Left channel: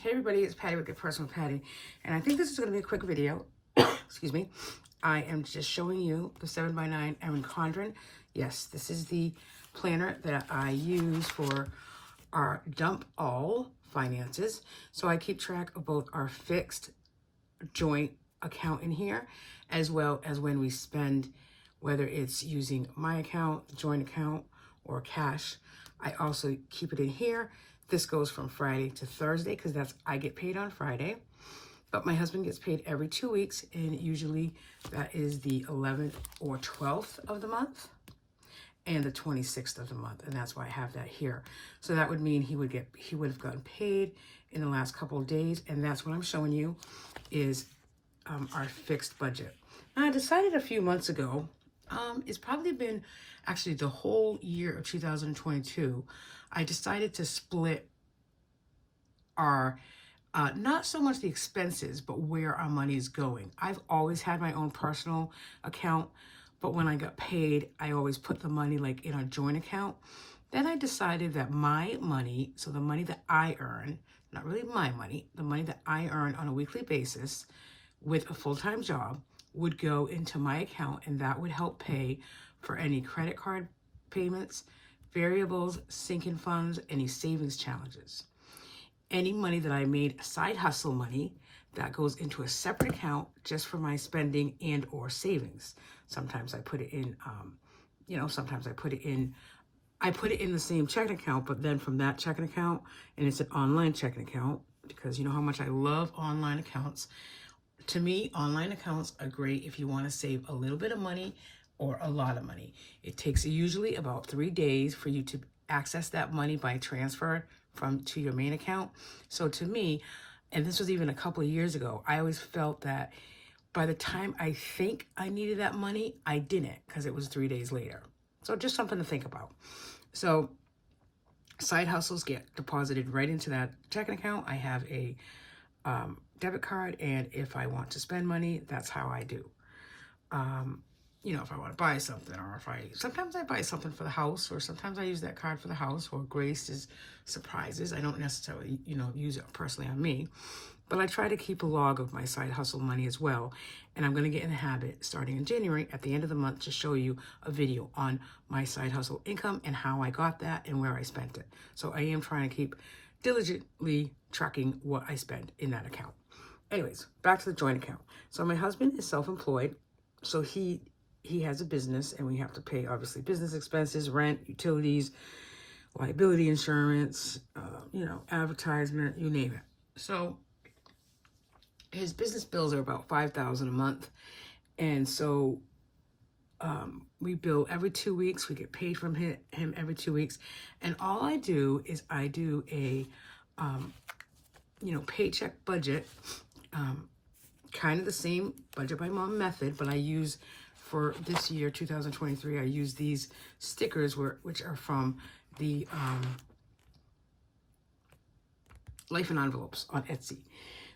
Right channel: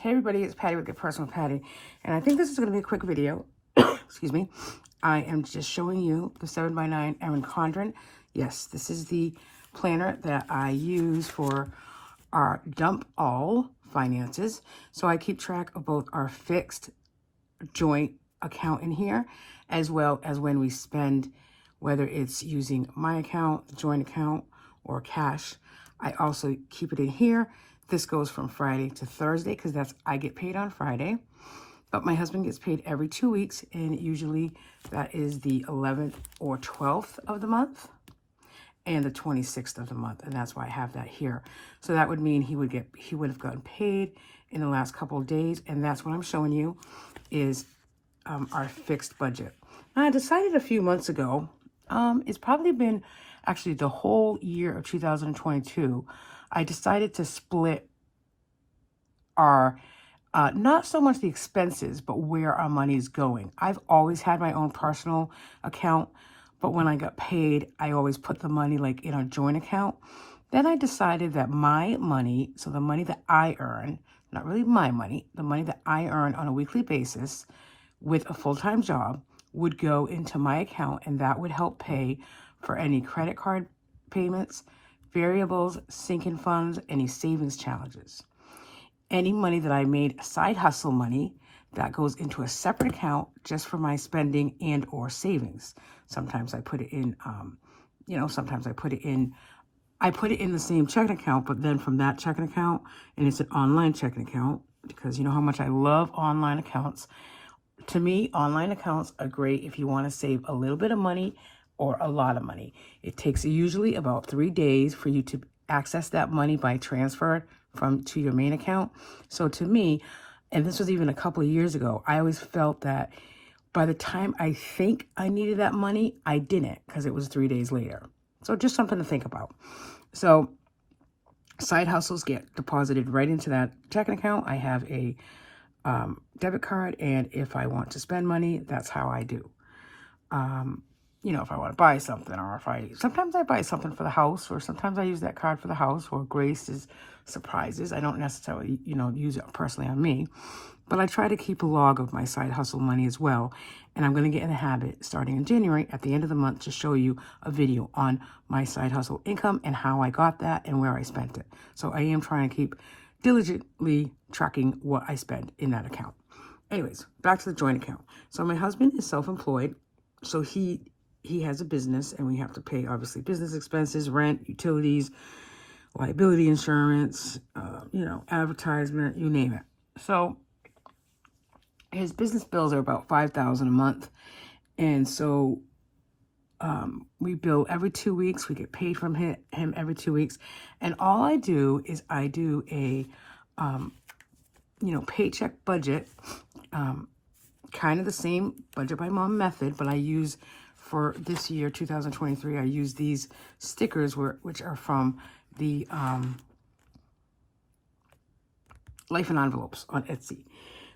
Hey everybody, it's Patty with Get Personal Patty, and I think this is going to be a quick video. Excuse me. I am just showing you the 7x9 Erin Condren. Yes, this is the planner that I use for our dump all finances. So I keep track of both our fixed joint account in here, as well as when we spend, whether it's using my account, the joint account, or cash. I also keep it in here. This goes from Friday to Thursday because I get paid on Friday, but my husband gets paid every 2 weeks, and usually that is the 11th or 12th of the month and the 26th of the month, and that's why I have that here. So that would mean he would have gotten paid in the last couple of days, and that's what I'm showing you is our fixed budget. I decided a few months ago, it's probably been actually the whole year of 2022, I decided to split our, not so much the expenses, but where our money is going. I've always had my own personal account, but when I got paid, I always put the money like in a joint account. Then I decided that my money, so the money that I earn, not really my money, the money that I earn on a weekly basis with a full-time job would go into my account, and that would help pay for any credit card payments, variables, sinking funds, any savings challenges. Any money that I made side hustle money, that goes into a separate account just for my spending and or savings. Sometimes I put it in, sometimes I put it in the same checking account, but then from that checking account, and it's an online checking account, because you know how much I love online accounts. To me, online accounts are great if you want to save a little bit of money or a lot of money. It takes usually about 3 days for you to access that money by transfer to your main account. So to me, and this was even a couple of years ago, I always felt that by the time I think I needed that money, I didn't, because it was 3 days later. So just something to think about. So side hustles get deposited right into that checking account. I have a debit card, and if I want to spend money, that's how I do. If I want to buy something, or sometimes I buy something for the house, or sometimes I use that card for the house, or Grace's surprises. I don't necessarily, use it personally on me, but I try to keep a log of my side hustle money as well. And I'm going to get in the habit starting in January at the end of the month to show you a video on my side hustle income and how I got that and where I spent it. So I am trying to keep diligently tracking what I spend in that account. Anyways, back to the joint account. So my husband is self-employed, so he has a business, and we have to pay, obviously, business expenses, rent, utilities, liability insurance, advertisement, you name it. So his business bills are about $5,000 a month. And so we bill every 2 weeks. We get paid from him every 2 weeks. And all I do is I do a, paycheck budget, kind of the same budget by mom method, but I use, for this year, 2023, I use these stickers which are from the Life in Envelopes on Etsy.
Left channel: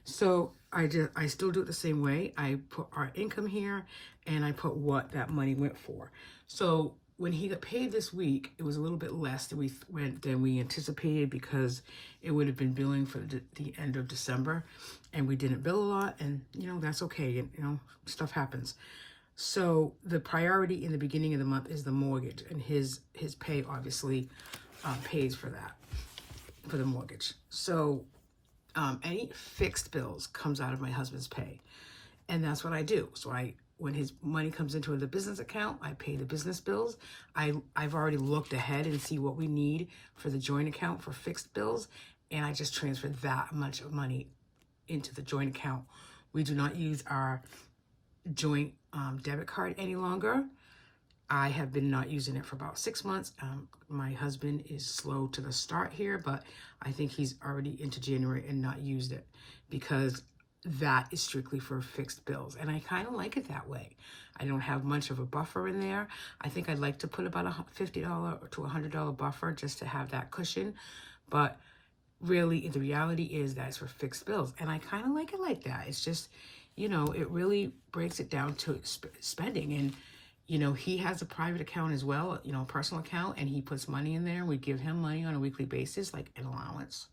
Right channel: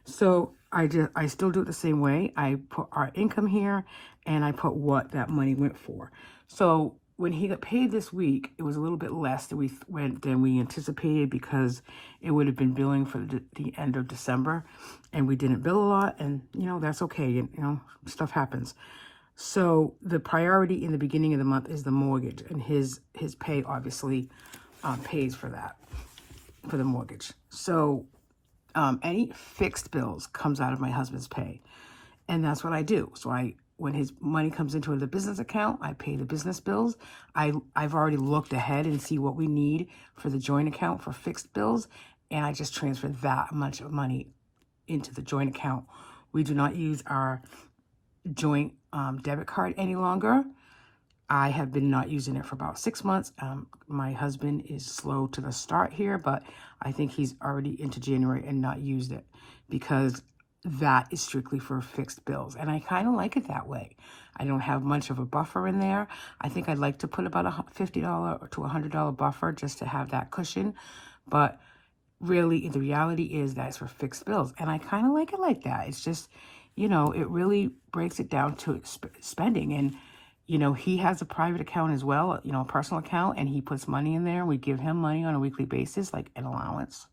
So I still do it the same way. I put our income here, and I put what that money went for. So when he got paid this week, it was a little bit less than we anticipated, because it would have been billing for the end of December, and we didn't bill a lot, and that's okay. Stuff happens. So the priority in the beginning of the month is the mortgage, and his pay obviously pays for that, for the mortgage. So any fixed bills comes out of my husband's pay, and that's what I do. So when his money comes into the business account, I pay the business bills. I've already looked ahead and see what we need for the joint account for fixed bills, and I just transfer that much of money into the joint account. We do not use our joint debit card any longer. I have been not using it for about 6 months. My husband is slow to the start here, but I think he's already into January and not used it, because that is strictly for fixed bills. And I kind of like it that way. I don't have much of a buffer in there. I think I'd like to put about a $50 to $100 buffer just to have that cushion. But really, the reality is that it's for fixed bills. And I kind of like it like that. It's just, it really breaks it down to spending. And he has a private account as well, a personal account, and he puts money in there. We give him money on a weekly basis, like an allowance,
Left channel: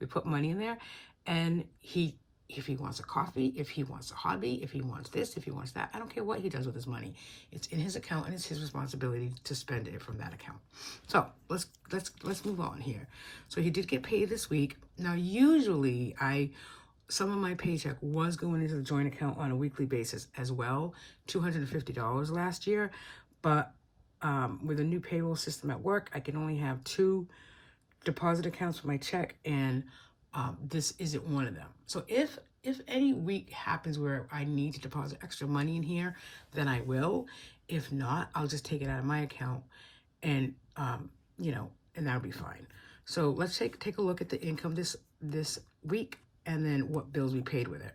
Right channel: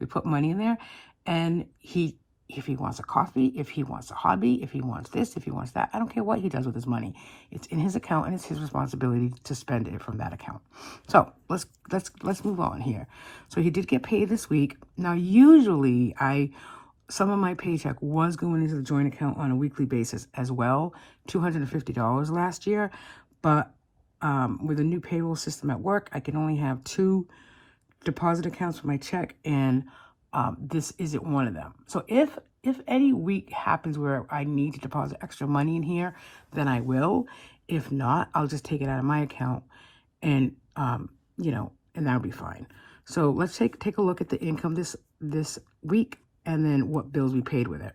we put money in there, and if he wants a coffee, if he wants a hobby, if he wants this, if he wants that, I don't care what he does with his money. It's in his account, and it's his responsibility to spend it from that account. So let's move on here. So he did get paid this week. Now, usually some of my paycheck was going into the joint account on a weekly basis as well, $250 last year. But with a new payroll system at work, I can only have 2 deposit accounts for my check, and this isn't one of them. So if any week happens where I need to deposit extra money in here, then I will. If not, I'll just take it out of my account, and and that'll be fine. So let's take a look at the income this week, and then what bills we paid with it.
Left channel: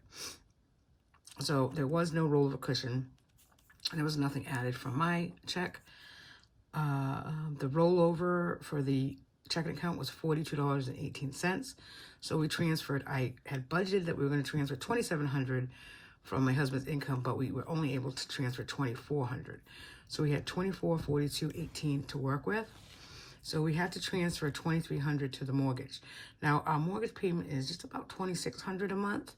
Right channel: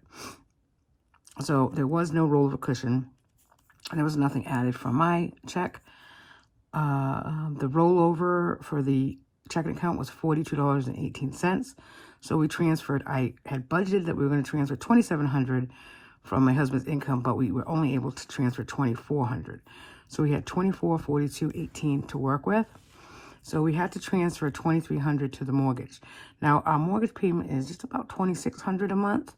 So there was no rollover cushion. There was nothing added from my check. The rollover for the checking account was $42.18. So we transferred. I had budgeted that we were going to transfer $2,700 from my husband's income, but we were only able to transfer $2,400. So we had $2,442.18 to work with. So we had to transfer $2,300 to the mortgage. Now our mortgage payment is just about $2,600 a month.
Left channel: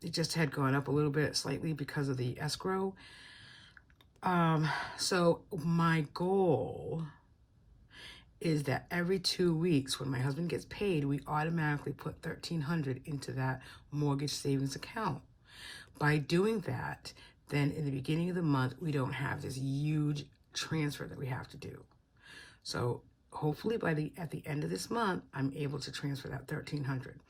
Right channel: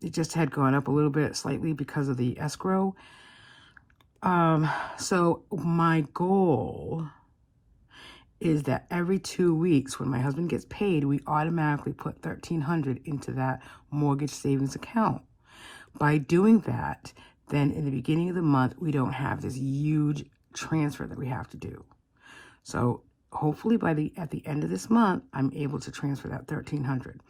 It just had gone up a little bit slightly because of the escrow. So my goal is that every 2 weeks when my husband gets paid, we automatically put $1,300 into that mortgage savings account. By doing that, then in the beginning of the month, we don't have this huge transfer that we have to do. So hopefully at the end of this month, I'm able to transfer that $1,300.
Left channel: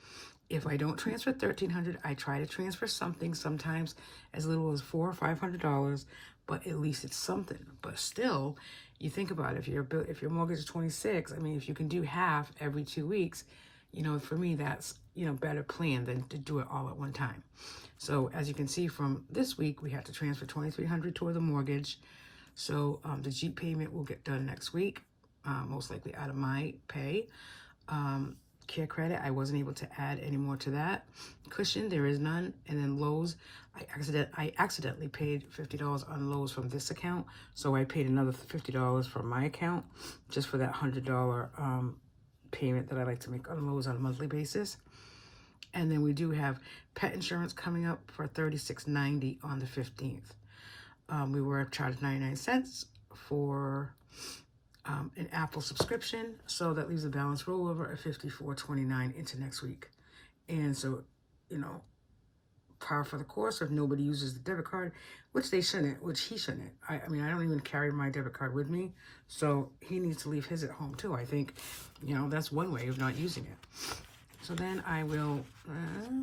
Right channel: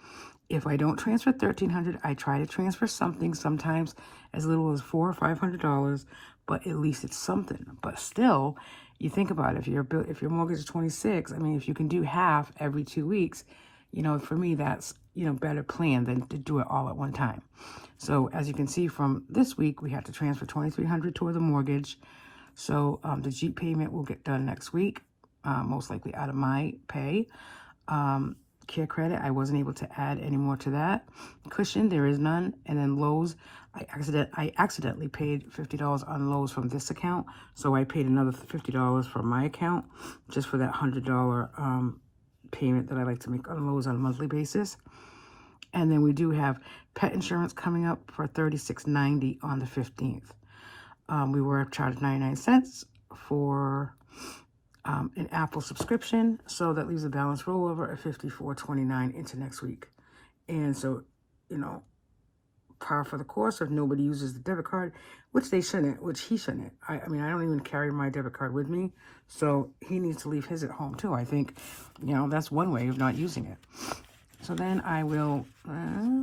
If I don't transfer $1,300, I try to transfer something, sometimes as little as $400 or $500, but at least it's something. But still, you think about it, if your mortgage is $26,000, I mean, if you can do half every 2 weeks, for me, that's, better plan than to do it all at one time. So as you can see from this week, we have to transfer $2,300 toward the mortgage. So the Jeep payment will get done next week, most likely out of my pay. Care credit, I wasn't able to add any more to that. Cushion, there is none. And then Lowe's, I accidentally paid $50 on Lowe's from this account, so I paid another $50 from my account just for that $100 payment that I like to make on Lowe's on a monthly basis. And then we do have pet insurance coming up for $36.90 on the 15th. We were charged 99 cents for an Apple subscription, so that leaves a balance rollover of $54.29 into next week. And so, par for the course if nobody uses the debit card, which he shouldn't. I mean, I don't even carry my debit card with me, so he needs to leave his at home too. I think, that's one way of not using it. So then I will,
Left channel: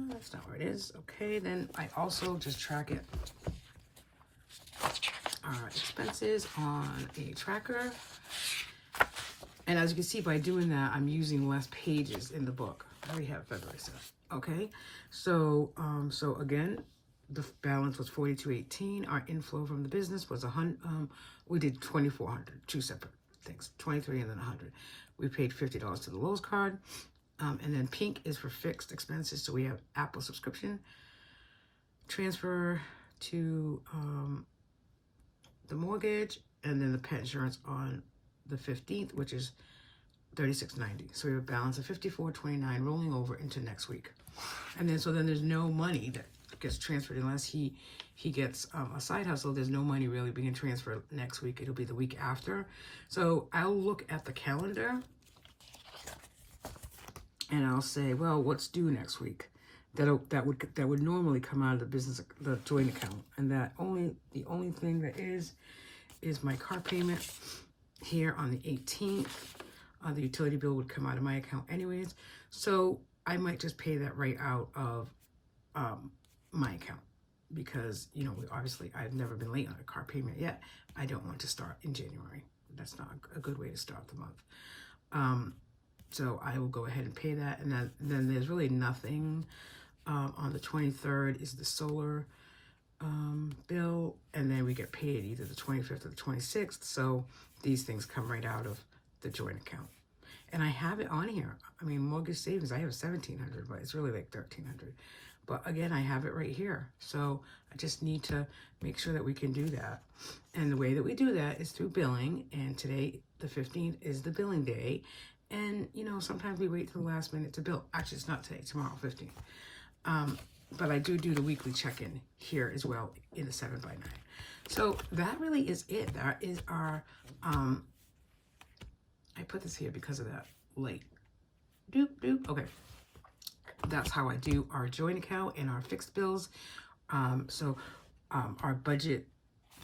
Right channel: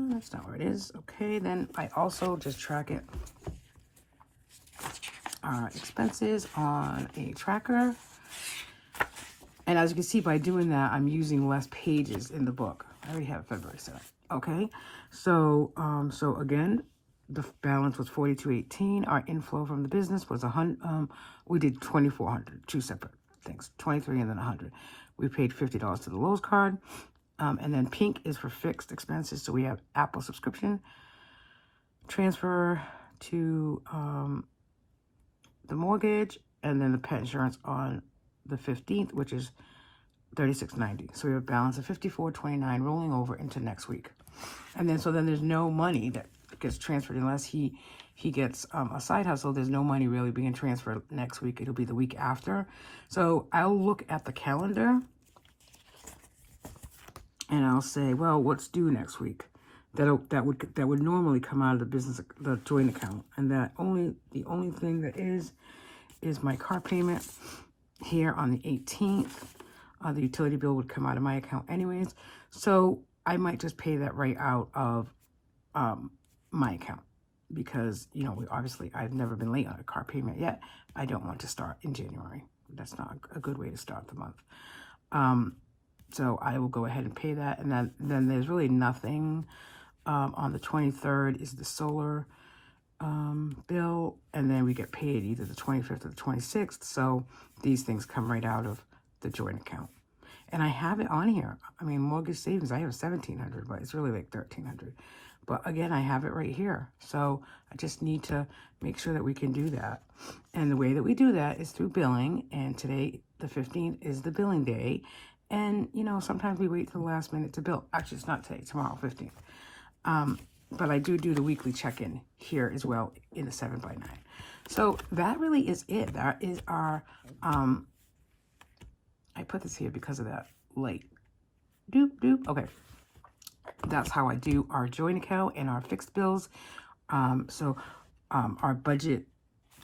that's not where it is. Okay, then I also just track it. Expenses on a tracker. And as you can see, by doing that, I'm using less pages in the book. I already have February set. Okay, so again, the balance was $42.18. Our inflow from the business was $100. We did $2,400, 2 separate things, $23 and then $100. We paid $50 to the Lowe's card, and then pink is for fixed expenses. So we have Apple subscription, transfer to the mortgage, and then the pet insurance on the 15th, which is $36.90. So we have a balance of $54.29 rolling over into next week. And then, so then there's no money that gets transferred unless he gets a side hustle. There's no money really being transferred next week. It'll be the week after. So I'll look at the calendar and I'll say, well, what's due next week? That would normally come out of the joint account. And the only thing that is my car payment here on the 18th. The utility bill would come out of my account anyways. So I might just pay that right out of my account because, obviously I've never been late on a car payment yet. I don't want to start in January. That's not a good way to start the month. So I will go ahead and pay that. And then there's really nothing. On the 23rd is the solar bill, and then we get paid either the 25th or the 26th. So these things come right out of the joint account. And I have it on here. I mean, mortgage savings, I have $1,700, but it's really like $1,300. But again, I have it right here. So I just need to make sure that we can do that. And the way that we do that is through billing. And today, the 15th, is the billing day. And, you know, sometimes we wait till the last minute to bill. Actually, it's not today, tomorrow, 15th. But I do the weekly check-in here as well in the 7x9. So that really is it. That is our, I put this here because of that light. Doop, doop. Okay. That's how I do our joint account and our fixed bills. Our budget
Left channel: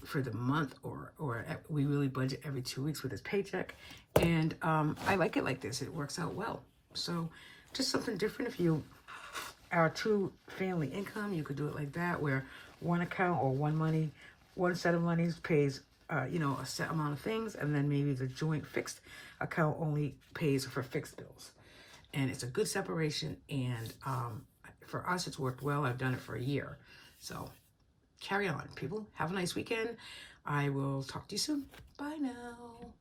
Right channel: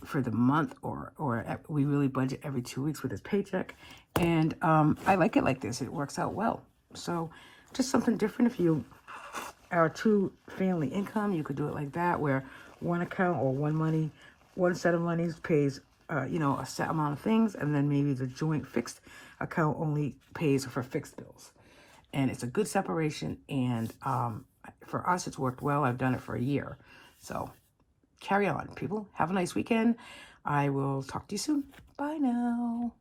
for the month, or we really budget every 2 weeks with this paycheck. And I like it like this. It works out well. So just something different. If you are two family income, you could do it like that, where one account or one set of monies pays you know, a set amount of things, and then maybe the joint fixed account only pays for fixed bills. And it's a good separation, and for us, it's worked well. I've done it for a year. So carry on, people. Have a nice weekend. I will talk to you soon. Bye now.